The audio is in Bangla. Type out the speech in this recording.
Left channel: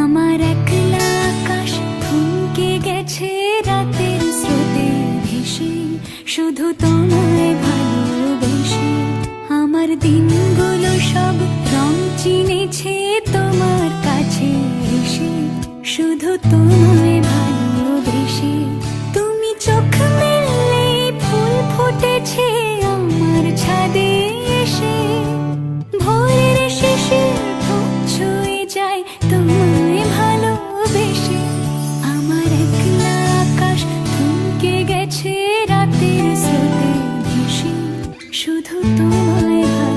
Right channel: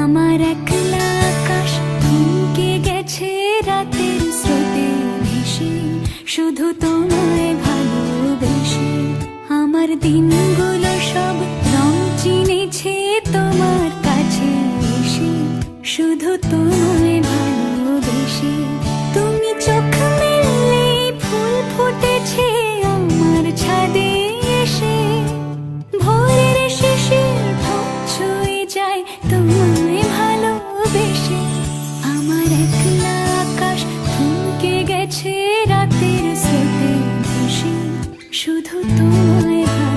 আমার একলা আকাশ থমকে গেছে রাতের স্রোতে ভেসে, শুধু তোমায় ভালোবেসে। আমার দিনগুলো সব রং চিনেছে তোমার কাছে এসে, শুধু তোমায় ভালোবেসে। তুমি চোখ মেললে ফুল ফুটেছে আমার ছাদে এসে, ভোরের শিশির ঠোঁট ছুঁয়ে যায় তোমায় ভালোবেসে। আমার একলা আকাশ থমকে গেছে রাতের স্রোতে ভেসে, শুধু তোমায় ভালোবেসে।